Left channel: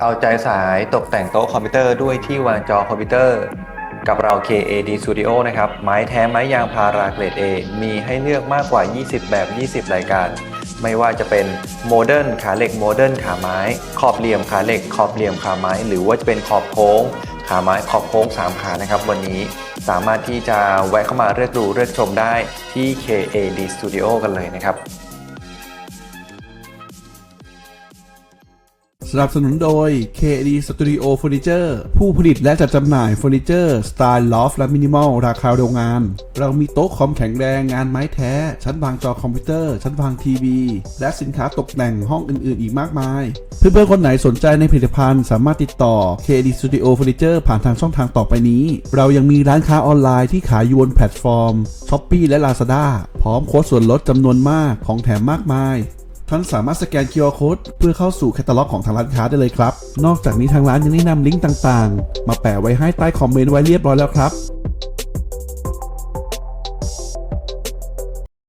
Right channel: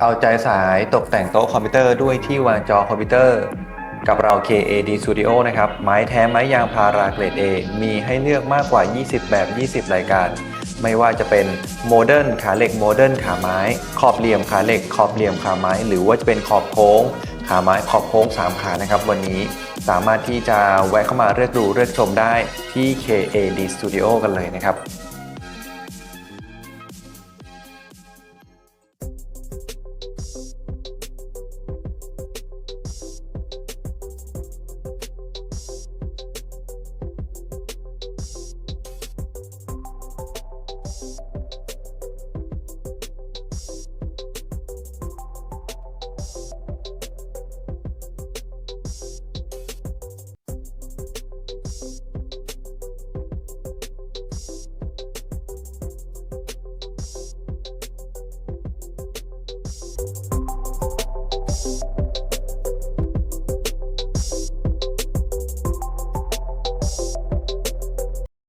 เอาใจสายตกแต่งโต๊ะคอมพิวเตอร์ด้วยที่วางจอคอมพิวเตอร์ กับเรา KAD Studio นะครับ ไม้แท้ไม้ยางพาราเกรด A มีให้เลือกมากกว่า 20 แบบ 20 รายการ ไม่ว่าจะเป็นโมเดิร์นขาเหล็กโมเดิร์นขาไม้ ขอบเหลี่ยมขาเหล็ก ขอบเหลี่ยมขาไม้ หรือว่าจะเป็นขอบโค้ง ขาไม้ขอบโค้ง 3 ขานะครับ วันนี้สามารถที่จะแวะเข้ามาเลือกดูเลือกชมได้ที่ KAD Studio กันเลยนะครับ สนับสนุนโดย KD Studio Furniture ผู้ผลิตและจัดจำหน่ายเฟอร์นิเจอร์สไตล์ลอฟและมินิมอลราคาโรงงาน เรามีโต๊ะคอมแข็งแรงงานไม้แท้ ชั้นวางจอคอมพิวเตอร์ ชั้นวางทีวี และสินค้าตกแต่งห้องอื่น ๆ อีกมากมาย เพื่อนๆคนไหนสนใจในผลิตภัณฑ์สามารถติดต่อ KD Studio Furniture ผ่านทางช่องทางต่อไปนี้ เรายังมีร้านค้าออนไลน์ที่ขายอยู่บนแพลตฟอร์ม Shopee และ Lazada พร้อมโค้ดส่วนลดจำนวนมากของแถมมากมาย ท่านสามารถสแกน QR Code เพื่อเข้าสู่แคตตาล็อกของทางร้านค้าได้เลยครับ นอกจากนี้ทางร้านยังแนะนำลิงก์ต่างๆ มาแปะไว้ให้ใต้คอมเมนต์ไว้เรียบร้อยแล้วครับ